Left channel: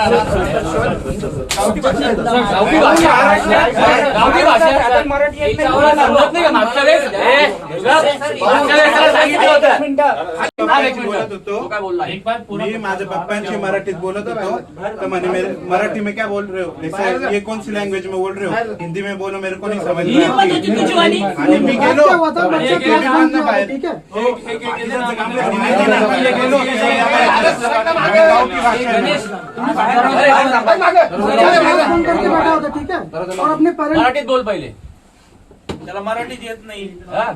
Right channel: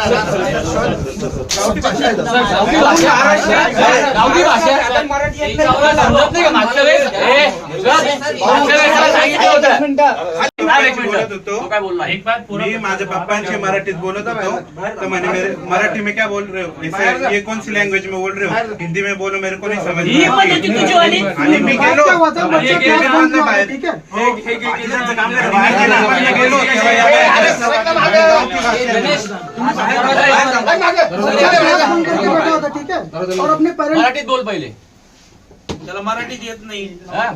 गावठी भाषा समजत नाही का? मागच्या वेळेस बोलत होतो मी माझ्या पप्पांची मराठीत बोलत होतो तो म्हणे मराठी में क्या बोल रहे हो, ये कौन सी लैंग्वेज में बोल रहे हो, हिंदी में बोलो मेरे को नहीं समझ में आणि मी गेलो बाहेर मराठीत बोल पहिले. त्याला मराठीत येत नाही.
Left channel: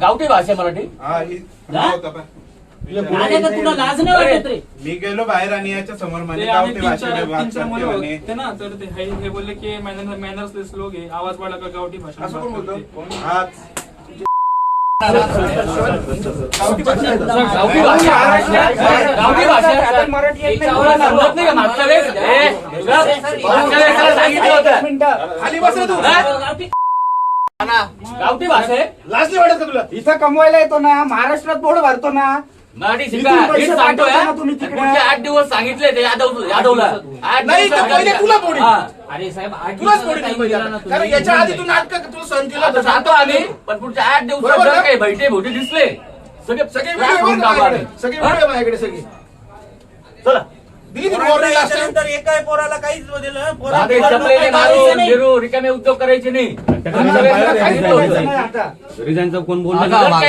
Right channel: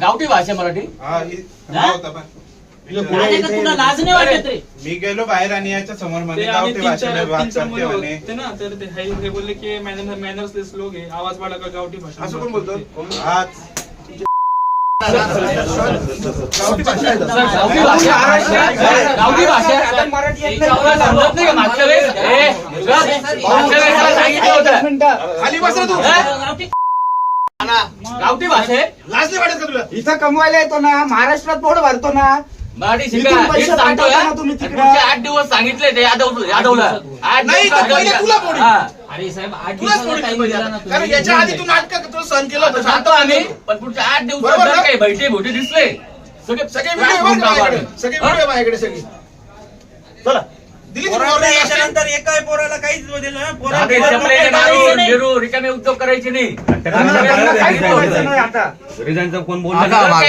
गावठी भाषा मराठी. तुला लाज नाही वाटत रे? मी गेलो बाहेर आणि याच्या समोर मध्ये गावठी भाषेत बात करते म्हणे. ना तर ते बोलले की मॅनर्सलेस लोक आहे, आवाज वाढला का गावठी भाषा. असं कोण बोलतो? गावठी भाषा समजत नाही का? मागच्या वेळेस खाली बस रे तू. गावठी भाषा आहे. लाज नाही वाटत का तुला? इथं कमवायला येतो ना, महाराष्ट्रात बोर्ड भरतो ना. मराठी शिका. इथून पैसे हेच सांगतोय पाठवता ना तुम्ही तिकडे. पुढचे 8 दिवस सांगितले ते यादवला 8 नाही तर पहिले तुला पोडी. अरे साहेब 8 तुलाच पोडी केली पाहिजे आता. कारण याच्या आधी तू नाटक तू सहन केलं होतं. सांगतो आम्ही, पण पुढच्या 8 दिवसात बरोबर जर ना? काही बैठे मोठे दिसले सगळे सगळे त्रास व्हिडिओ होऊन टाकू आम्ही. सगळे व्हिडिओ माझ्याकडे सगळी. चला दिली तुम्ही order last time? याच्यानंतर एकाही पोराला काहीच दिलं. आम्ही चपलेचे नारू, गिरू, रिकामे उद्योग करायचे नाही. सांगितलं होतं. रिझाईनचा कोण आता